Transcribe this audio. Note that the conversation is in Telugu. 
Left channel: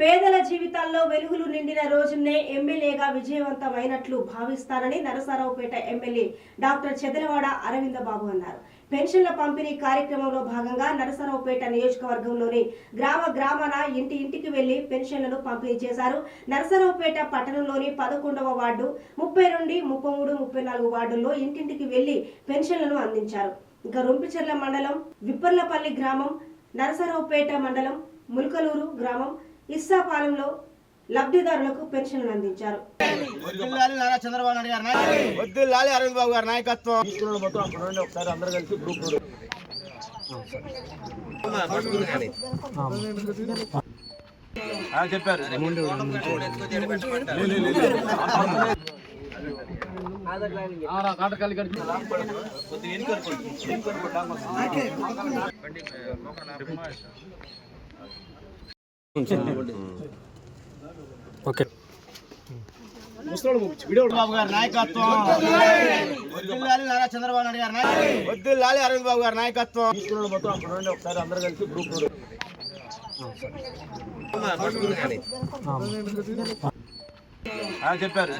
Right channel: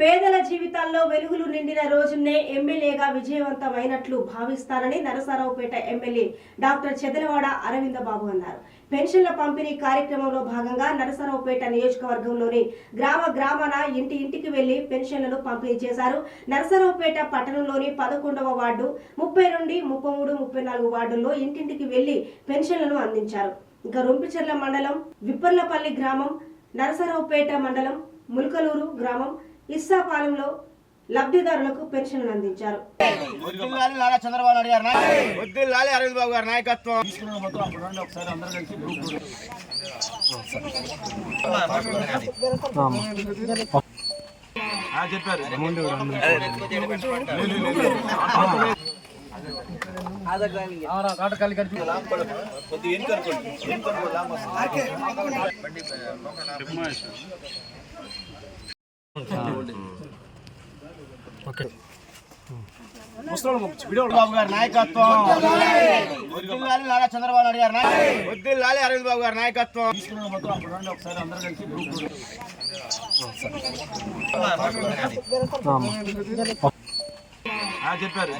పేదల జీవితాల్లో వెలుగులు నిండిన రోజునే ఎమ్మెల్యేగా విజయవంతమైనట్లు భావిస్తారని నరసరావుపేట ఎమ్మెల్యే డాక్టర్ చెదలవాడ అరవింద బాబు అన్నారు. పెన్షన్ల పంపిణీ కార్యక్రమంలో భాగంగా నరసరావుపేట నియోజకవర్గంలోని గ్రామాన ఇంటికి వెళ్లి పెన్షన్లను పంపిణీ చేశారు. నరసరావుపేట పట్టణంలోని 11వ వార్డు 30 నుండి 33, 34 వార్డుల్లో ఇంటింటికి వెళ్లి పెన్షన్లను అందించారు. ఇంకా రొంపిచెర్ల మండలం విప్పర్లపల్లి గ్రామం, నరసరావుపేట మండలం ముల్కలూరు గ్రామం ఇస్సాపాలెంలో లబ్ధిదారులకు పెన్షన్లు అందించారు. చంద్రబాబు నాయుడు గారు అరవింద్ బాబు గారి నాయకత్వం చెప్పారు. బాబు గారి నాయకత్వం చంద్రబాబు నాయుడు గారు అరవింద్ బాబు గారి నాయకత్వం చెప్పారు.